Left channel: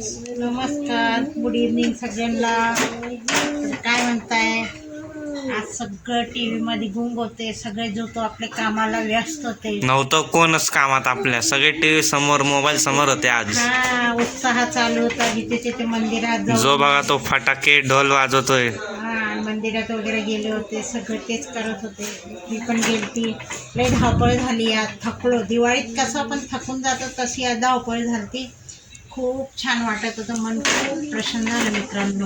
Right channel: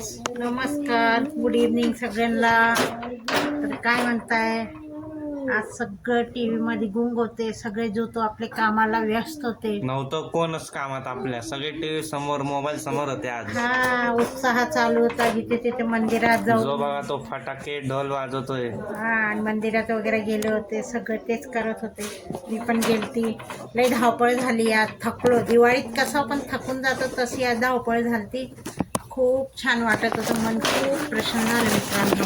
नमस्कार good evening सगळ्यांना. काय म्हणताय? आज सगळं टी व्हीमध्ये गुंग होते सगळे जो तो आपले कामाला व्यस्त होते. नव्हतं कोणच कामात आपल्या सगळे टीव्ही समोर मोबाईल समोर होते आज. हा उत्साह चालू होता जिथे तिथे मंदिरात जो जाऊन बघा तो फटाके ढोल वाजवतोय. हा आणि मंदिरात वगैरे गेले होते सगळे तेच करत होते. मी पण गेलती. लई धावपळ झाली आज थकलो. दिवाळीत कसं आपण थकून जातो तशी आज धावपळ झाली खूप छान वाटत होतं मन. खूप प्रसन्न झालं मित्रांनो.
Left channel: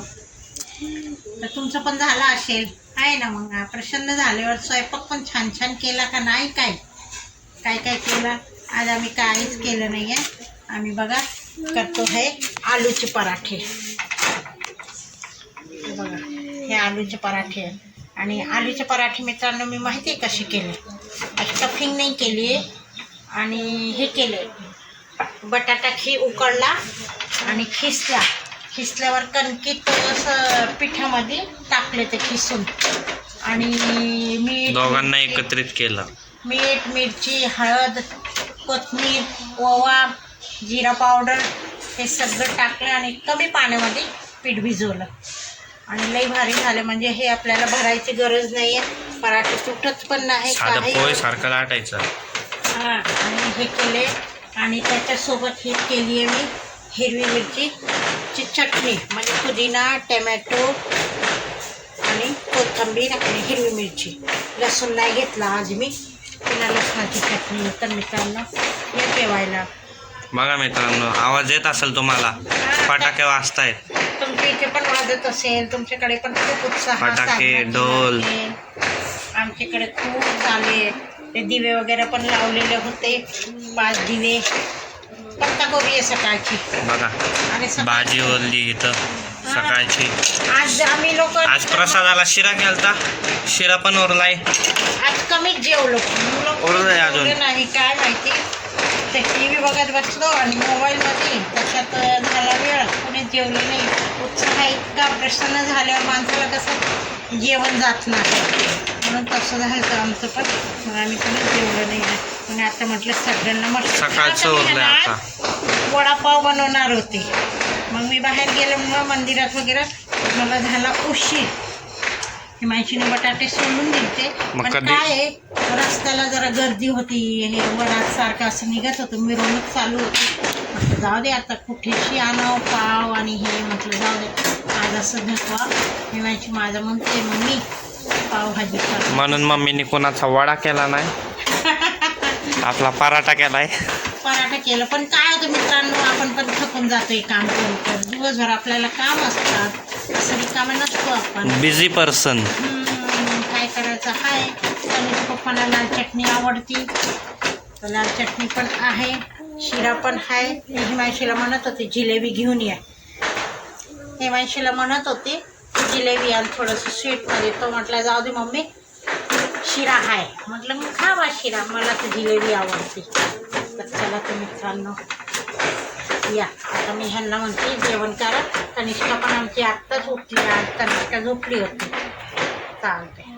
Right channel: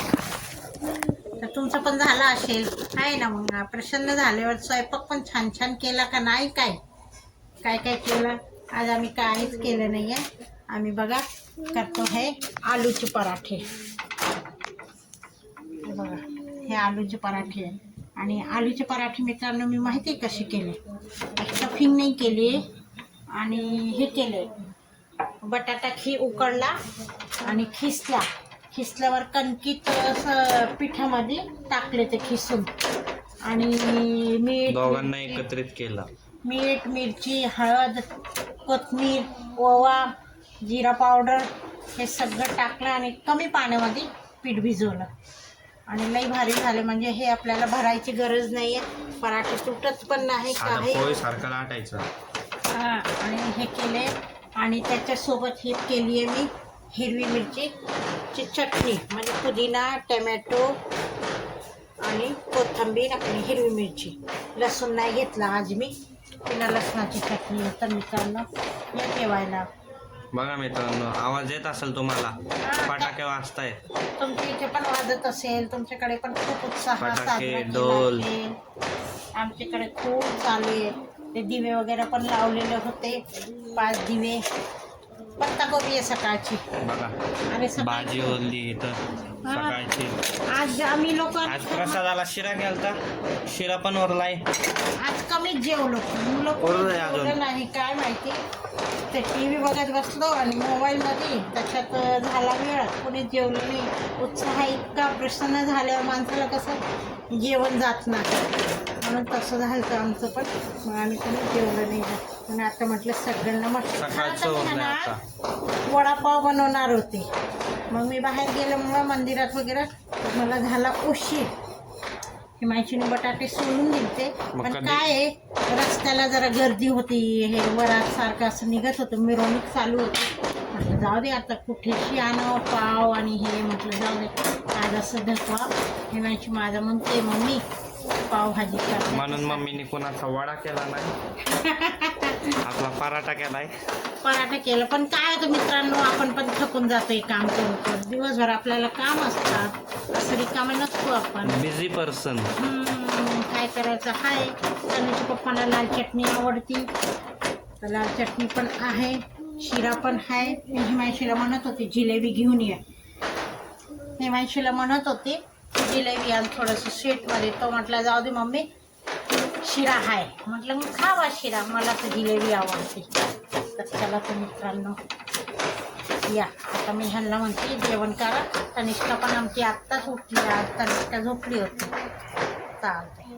तर तुमचं पण झालं असेल. आहे ना मग प्रसन्न झाल्यावर स्वयंपाक पण छान छान केला का नाही काय? काय काय केलं? आज आम्ही काहीच केलं नाही आहे आम्ही बघा करतो हे आलूचे पराठे. बघा हे आलूचे पराठे आहे आणि आलूचे पराठे मित्रांनो मी माहिती आहे कसे केले? स्टफिंग नाही केली आणि हे केले बटाटा खी उकडला आणि खिसला. खिसल्यावर कणकीत असं पिठामध्ये टाकले ते खिसून. आणि मीठ दोघांना एकत्रित केलं. मीठ मिरची हळद कोथिंबीर ओवा जिरा पावडर हे सगळं टाकलं आणि कमी पाण्यामध्ये पीठ भिजवलं. आणि लई भारी झालं. म्हणजे हे आपल्याला भरायची गरज नाही आहे पराठे तुटत पण नाही. सारखं लाटायचं. हा आणि हे केले. आणि त्याच्यासोबत ही केली आहे मी हिरवी मिरचीची चटणी म्हणजे पुदिना टमॅटो आणि कोथिंबीर आणि हिरवी मिरची. लसूण नाही घेतला आज मी. तिला लसणाची चटणी तर मित्रांनो हे ठेवायला बघा मित्रांनो आवाज येत असेल तुम्हाला? फटाके वाजतायत. तुमच्या इथे पण वाजत असेल तुमच्याकडे पण खूप उत्साह फटाके, ढोल. आमच्याकडे खूप झाले ते दिवे वगैरे पण लावलेले होते. पाच दिवे. पत्ताकोबी आहे सकाळची. बघा आणि सकाळ भाजी ओरली इथं सकाळची. आज आम्ही लोक आज प्रसादाला शिरा केलता शिरा पण ओरलाय आज कमीच जेवलो. मुलं ओरलंय अजून. जेवलं नाही काय माहिती. ते टी व्ही बघत बसलो आणि मोबाईलमध्ये त्याच्यात झाला वेळ. कोणी जेवलं नाही. उत्साह इतका प्रसन्न झाल्यावर माणसाला कसं जेवण जात नाही. म्हणून तसं झालं तर आमचं पण. मग आम्ही कोणीच जेवलं नाही. पण आता म्हटलं सगळ्यांना मस्त सकाळचं आता मी उरलंय ना आता. वडापाव बनवणार होते. मग मी बाहेर गेलो मग मंदिरात वगैरे मला झाला उशीर. हिमांशीने बटाटे सोडून दिलते मग पण कधी- काय आहे रस्त्याला जरा गर्दी होती हे वरात सारखं असं निघत होतं मिरवणूक चालू होती. म्हटलं जाऊ दे आता कुठेशी आणावं पाव आणि हे म्हटलं जाऊ दे. आज असं धकवा हिमांशी माझं म्हणते मम्मी पावभाजी कर म्हणून मम्मीने कोणाचा वडा केला नाही. आपला पराठा केलाय. पराठा केलं. पण काय होतं मित्रांनो आपण पण थकून जातोय काम करू करू दिवसभर आपल्याला काम असतात. असं रिकामं नसतो आपण. बिझी पर्सन काय करायचं? आहे तनुच्या पप्पांना लाल चटणी आवडती. तर लाल चटणी पण आहे. शिरा पण आहे हिमांशीला म्हणत होते जिलेबी घेऊन या. हिमांशीला म्हणत होते जिलेबी आणि थोडंसं स्वीटमध्ये तो म्हटलं जाऊ दे मम्मी शिरा आहे म्हटलं मी खावा शिरा. मला तर जिलेबी आवडते. तर चला तुम्ही मित्रांनो या. आता मी ह्यांना म्हणते जेवण करा. कनिष्ठा पण आमची आत्ताच उठली आज कनिष्ठा झोपली होती. चालते